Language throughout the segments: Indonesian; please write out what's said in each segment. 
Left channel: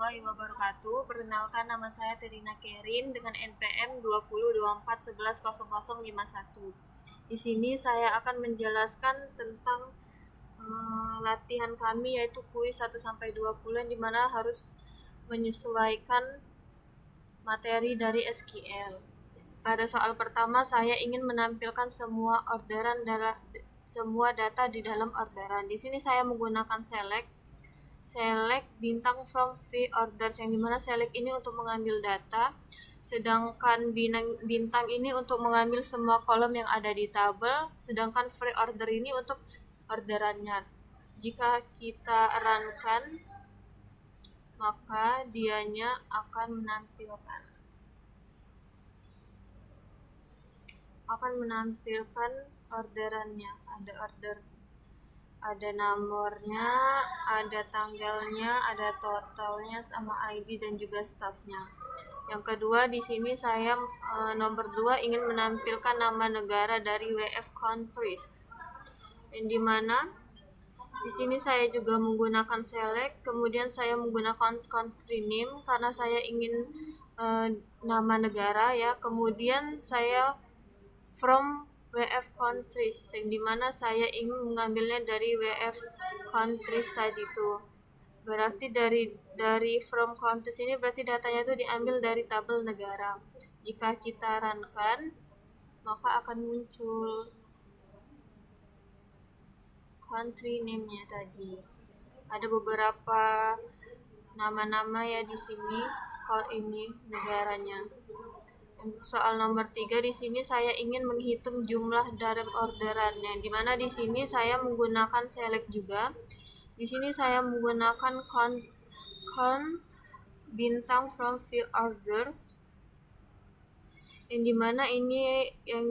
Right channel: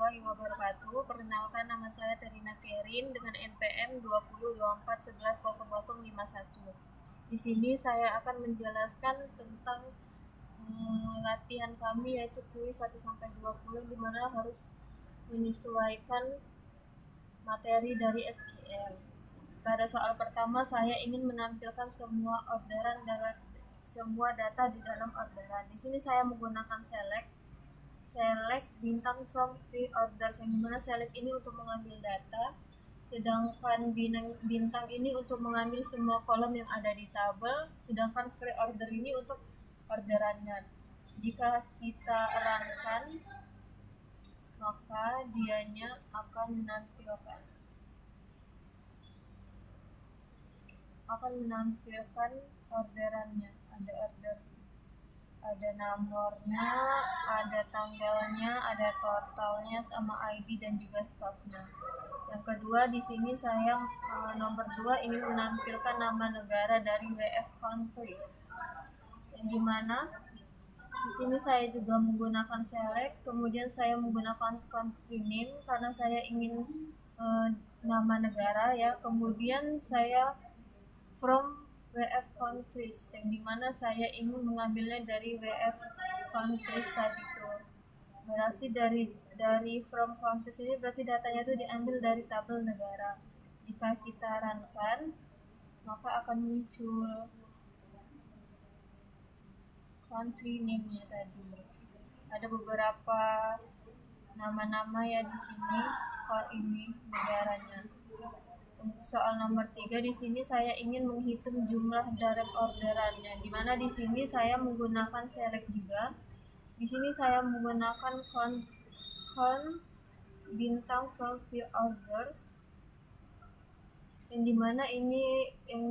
warahmatullahi wabarakatuh. Perkenalkan, nama saya Terina Kerin dengan NPM 2024110051. Di sini saya akan menjelaskan tentang latihan kami, yaitu kuis 1 sampai 20 yang dimana harus menyesuaikan materi dari SQL. Pada soal pertama, saya ingin menampilkan semua data di dalam orderan. Di sini saya menggunakan select bintang from V orders, yang dimana select ini untuk mengambil data, sedangkan bintang ini untuk mengambil semua kolom yang ada di tabel, sedangkan free order ini untuk orderannya. Jika kita runkan, maka dianya akan menampilkan orderannya. Ada nomornya, ada tanggalnya, ada totalnya, sama ID dan juga staffnya. Yang kedua, di sini saya nomor 2 ingin menampilkan nama negara dari WF countries, yang dimana di sini saya juga menggunakan select, kemudian saya menggunakan country name karena saya ingin nama negara ya, kemudian saya from WF countries, yang dimana saya ingin mengambilnya dari WF countries tadi tuh. Berarti dari from countries ini berarti datanya itu diambil dari tabel negara. Jika kita runkan, maka akan muncul country name-nya tadi. Ada beberapa nama-nama ya di sini. Kalau ini negaranya. Soal nomor 3, di sini saya ingin menghitung jumlah dalam orderannya, di mana di sini saya menggunakan select juga. Di sini saya menggunakan count bintang from view orders, yang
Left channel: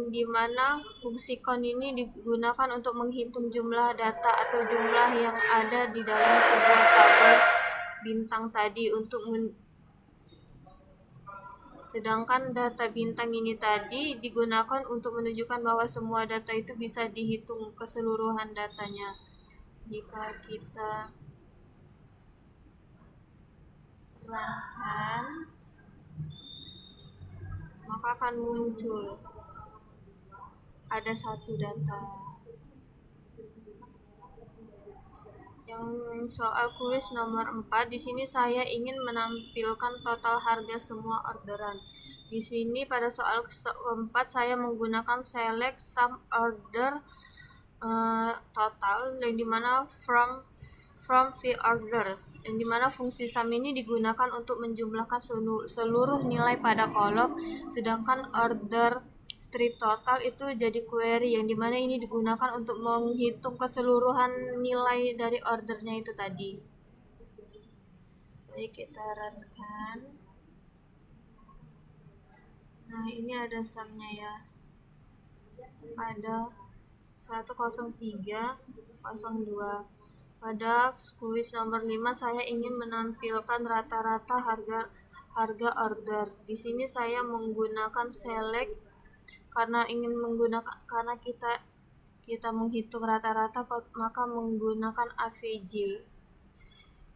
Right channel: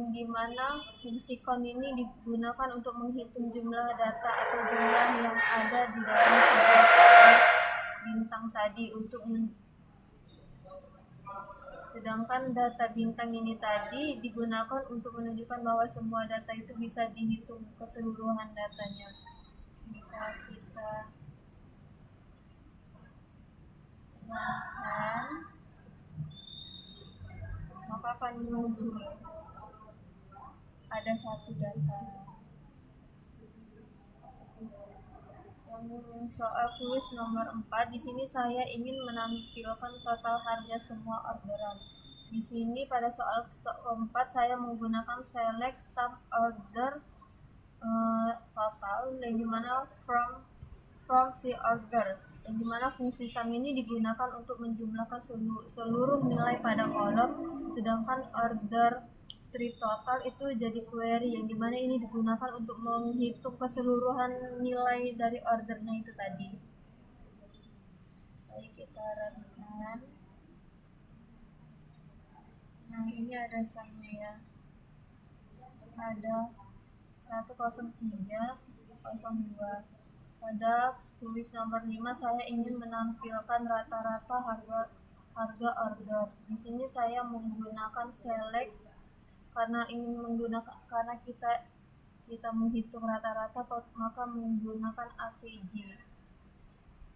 dimana fungsi count ini digunakan untuk menghitung jumlah data atau jumlah yang ada di dalam sebuah tabel bintang tadi sedangkan data bintang ini tadi digunakan untuk menunjukkan bahwa semua data itu bisa dihitung keseluruhan datanya. Jika kita runkan, maka akan muncul ada satu data. Yang soal kuis nomor 4, di sini saya ingin menampilkan total harga semua orderan. Di sini pada soal keempat saya menggunakan select sum order total, yang dimana from V orders, yang dimana fungsi sum ini digunakan untuk menjumlahkan seluruh nilai pada kolom, sedangkan order strip total itu jadi query, yang dimana ini digunakan untuk menghitung keseluruhan nilai dari ordernya itu tadi. Baik, kita runkan. Nah, ini ada sumnya ya, ada 10302. Pada kuis nomor 5 saya ingin menampilkan rata-rata harga order. Di sini saya menggunakan select karena kita menghitung rata-rata, maka menggunakan AVJ,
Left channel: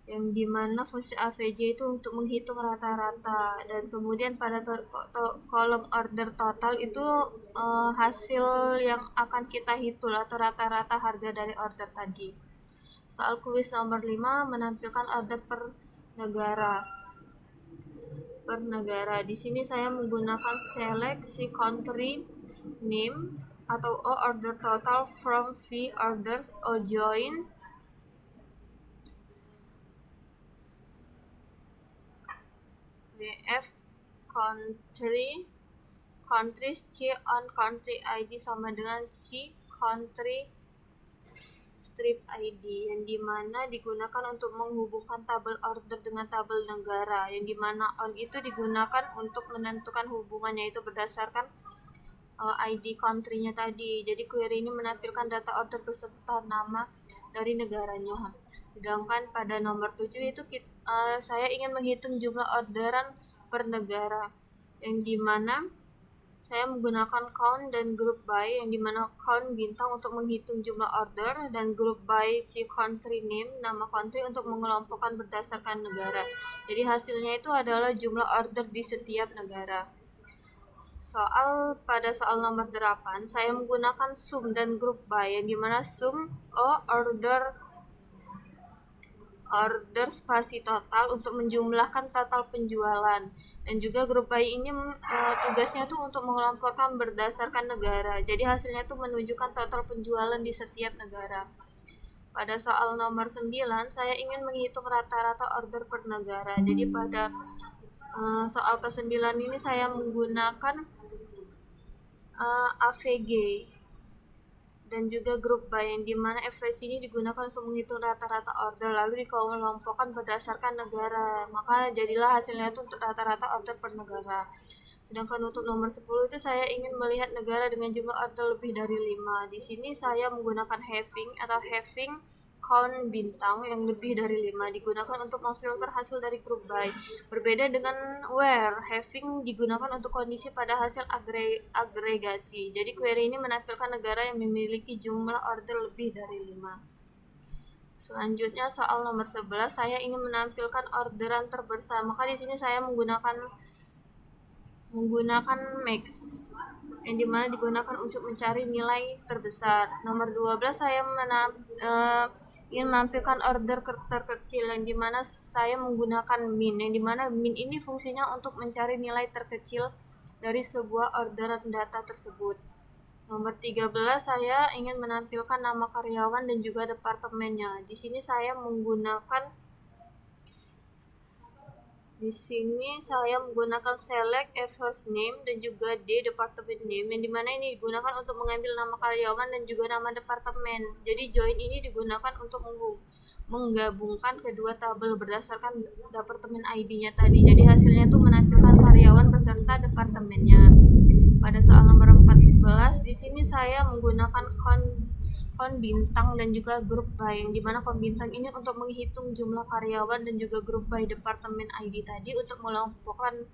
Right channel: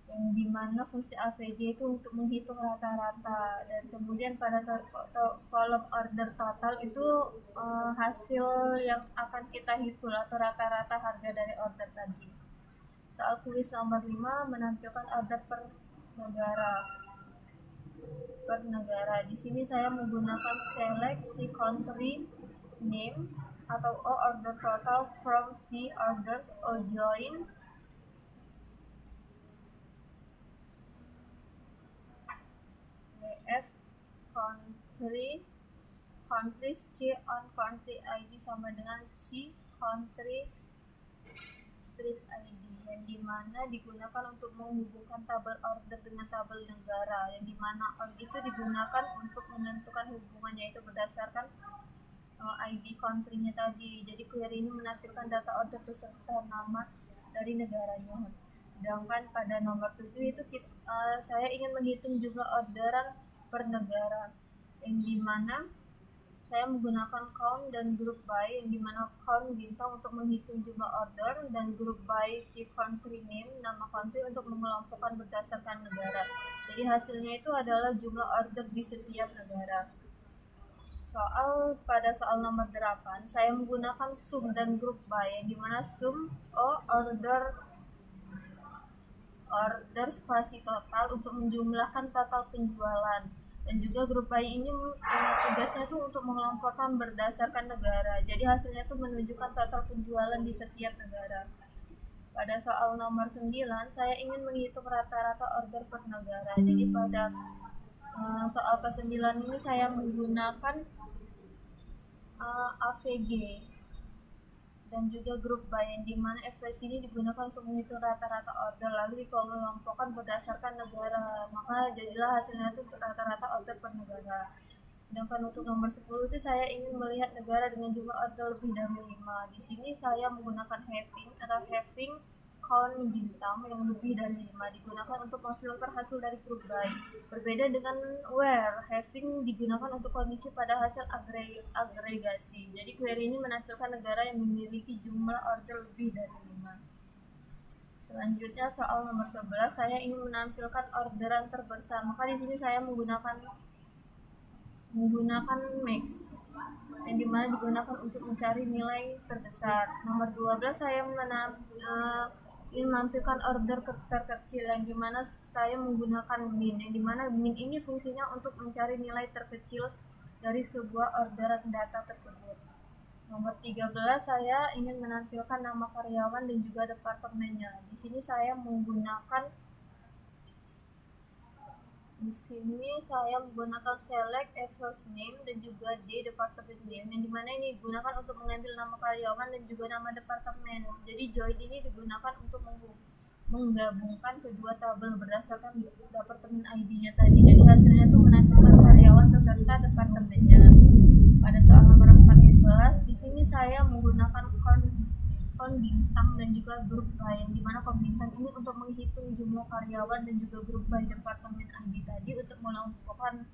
yang dimana fungsi AVJ itu untuk menghitung rata-rata, dan kemudian pada kolom order total itu hasil yang akan kita hitung atau rata-rata harga dari order tadi. Soal kuis nomor 5 menampilkan order per negara. Di sini saya menggunakan select si country name atau order total from V orders join WF countries C on country ID sama dengan C country strip ID, yang dimana digunakan untuk menghubungkan tabel order dengan tabel negara, yang dimana on itu digunakan untuk menentukan hubungannya itu berdasarkan ID country-nya tadi. Jadi query ini menampilkan data order beserta nama dari negaranya. Sedangkan pada nomor 7 itu saya ingin menghitung jumlah orderan per negara, yang dimana saya menggunakan count dan group by, yang dimana count bintang untuk menghitung jumlah order dan group by si country name, nama country, untuk mengelompokkan berdasarkan negara. Jadi hasilnya itu adalah jumlah order di setiap negara. Pada soal nomor 8, saya menggunakan sum dan group by, yang dimana sum order spasi total untuk menjumlahkan total penjualan, dan juga grup by ini tugasnya tuh untuk mengelompokkan berdasarkan negara. Jadi hasilnya tuh menunjukkan total penjualan di setiap negara. Pada soal nomor 9, saya ingin menghitung rata-rata order per negara. Jadi pada soal ke-9 ini saya menggunakan AVG dan juga grup by, yang dimana average ini digunakan untuk menghitung rata-rata order lalu dikelompokkan berdasarkan negara, maka jadilah hasilnya itu untuk rata-rata order per negara. Sedangkan untuk nomor 10 itu saya ingin melihat negara dengan jumlah order lebih dari 5. Di sini saya menggunakan having count bintang yang lebih dari 5 digunakan untuk memfilter hasil dari group by. Berbeda dengan where, having digunakan untuk kondisi pada hasil agregasi. Jadi query ini menampilkan negara yang memiliki jumlah order lebih dari 5. Selanjutnya soal nomor 11, saya ingin menampilkan orderan terbesar. Maka di sini saya menggunakan max, yang dimana digunakan untuk mencari nilai terbesar. Nomor 12, saya ingin menampilkan order terkecil, yang dimana saya menggunakan min, yang dimana min ini fungsinya untuk mencari nilai terkecil dari sebuah orderan data tersebut. Nomor 13, saya ingin menampilkan nama karyawan dan juga departemennya. Di sini saya menggunakan select a first name dan juga department name, yang dimana ini digunakan untuk mengambil nama karyawan dan juga nama departemen. Jadi join ini digunakan untuk menggabungkan kedua tabel berdasarkan departemen ID-nya tadi. Jadi hasilnya tuh menampilkan karyawan beserta departemennya. Pada soal nomor 14, di sini saya menggunakan count bintang dan juga grup by, yang dimana count bintang ini untuk menghitung jumlah karyawan dan juga grup by departemen ID tadi untuk mengelompokkan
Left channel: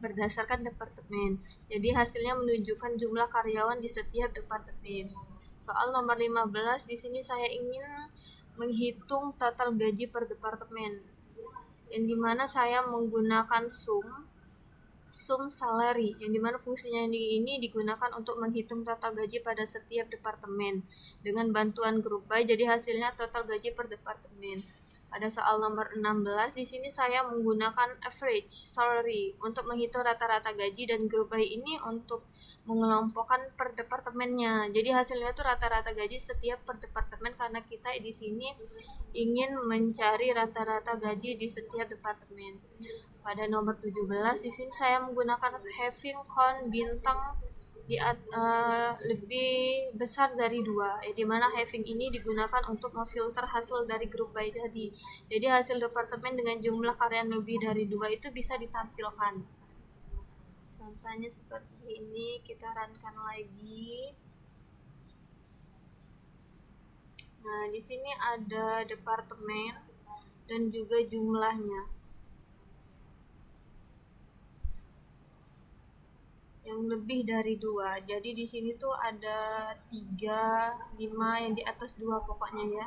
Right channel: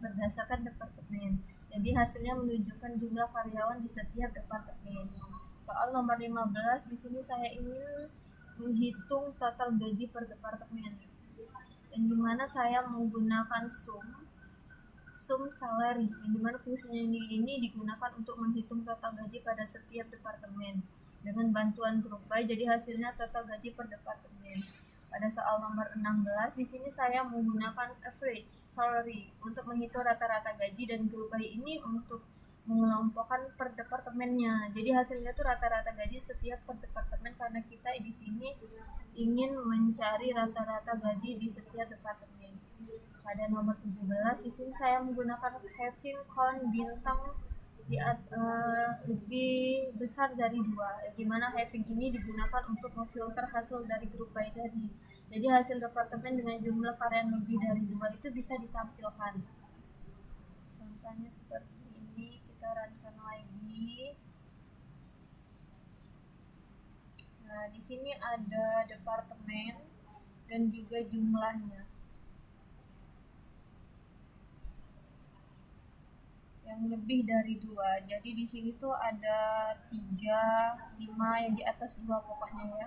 berdasarkan departemen. Jadi hasilnya menunjukkan jumlah karyawan di setiap departemen. Soal nomor 15, di sini saya ingin menghitung total gaji per departemen, yang dimana saya menggunakan sum salary, yang dimana fungsinya ini digunakan untuk menghitung total gaji pada setiap departemen dengan bantuan grup by. Jadi hasilnya total gaji per departemen. Pada soal nomor 16, di sini saya menggunakan average salary untuk menghitung rata-rata gaji, dan grup by ini untuk mengelompokkan per departemennya. Jadi hasilnya itu rata-rata gaji setiap per departemen, karena kita di sini ingin mencari rata-rata gaji di setiap departemen. Pada nomor 17, di sini saya menggunakan having count bintang lebih besar dari 2, di mana having ini digunakan untuk memfilter hasil dari grup by tadi. Jadi hasil departemen dengan jumlah karyawan lebih dari 2 itu bisa ditampilkan. Contohnya seperti ini, kita runkan lagi. Nah, di sini ada departemen dan juga jumlahnya yang lebih dari 2. Jadi di sini tuh ada 3, 5, yang di atas 2 pokoknya ya.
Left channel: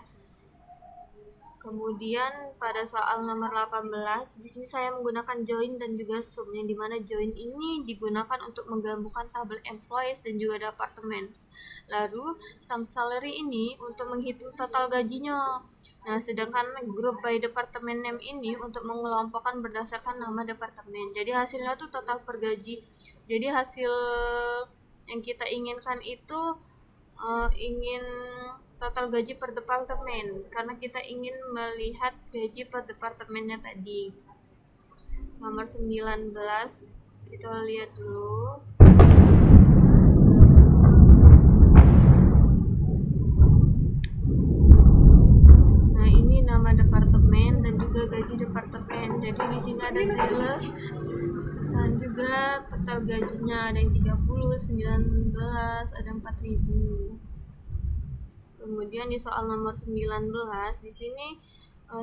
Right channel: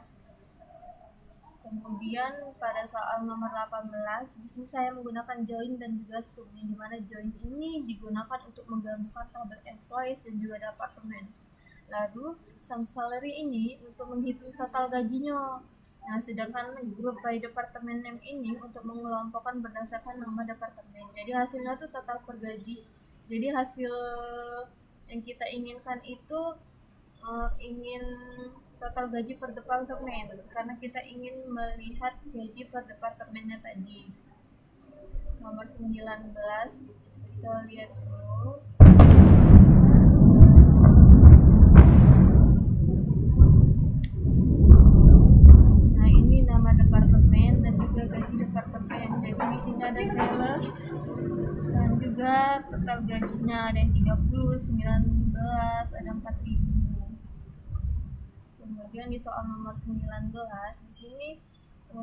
Kemudian pada soal nomor 18, di sini saya menggunakan join dan juga sum, yang dimana join ini digunakan untuk menggabungkan tabel employees dan juga departments. Lalu sum salary ini untuk menghitung total gajinya. Nah, sedangkan group by department name ini untuk mengelompokkan berdasarkan nama departemen. Jadi hasilnya tuh total per gaji. Jadi hasil yang kita inginkan itu ingin total gaji per departemen, karena kita ingin melihat gaji per departemennya tadi. Nomor 19, kita lihat dulu. Nah, ini nama departemen dan juga gaji departemen. Jadi di sini ada sales dan juga total gajinya ada yang 30, 19, ada 4.000. Kemudian di soal nomor 19, di sini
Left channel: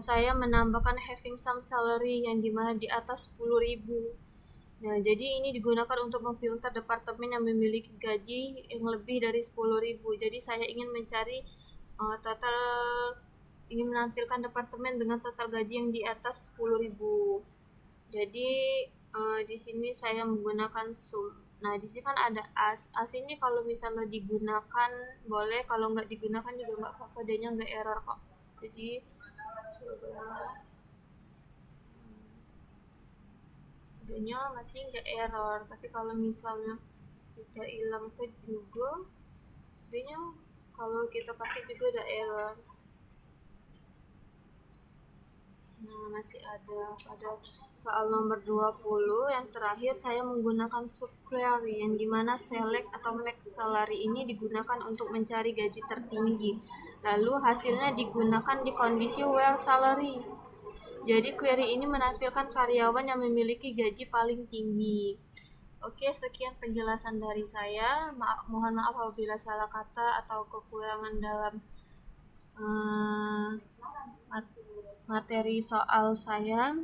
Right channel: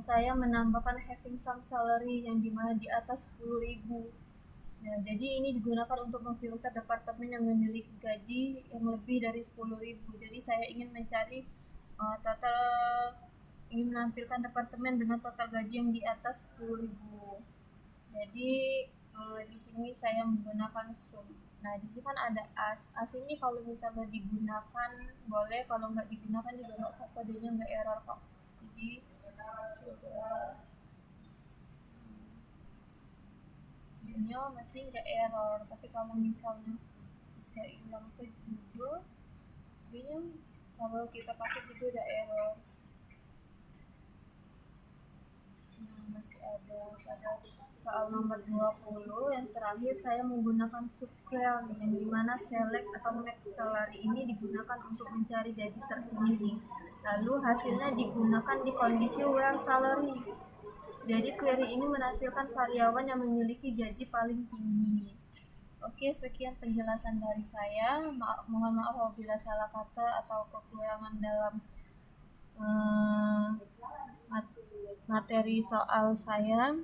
saya menambahkan having some salary, yang dimana di atas 10.000. Nah, jadi ini digunakan untuk memfilter departemen yang memiliki gaji yang lebih dari 10.000. Jadi saya ingin mencari total ingin menampilkan departemen dengan total gaji yang di atas 10.000. Jadi di sini saya menggunakan sum. Nah, di sini kan ada as. As ini kalau misalnya digunakan boleh, kalau nggak digunakan juga nggak apa-apa, dia nggak error kok. Jadi coba dia masih nggak error, tapi kalau misalnya kita hilang ke Google, dia kalau kita pakai juga ada error. Nah, masih ada pada soal nomor 20 yang terakhir saya menggunakan subquery yang dimana select atau max salary ini digunakan untuk mencari gaji tertinggi. Lalu hasilnya digunakan di kondisi where salary. Jadi query ini menampilkan karyawan yang memiliki gaji paling tinggi. Oke, sekian penjelasan dari saya. Mohon maaf apabila salah kata atau kekurangan dalam materi soal saya.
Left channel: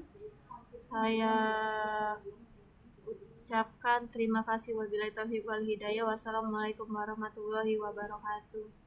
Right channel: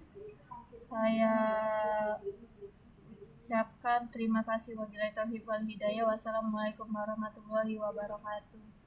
Saya ucapkan terima kasih. Wabillahi taufiq wal hidayah. Wassalamualaikum warahmatullahi wabarakatuh.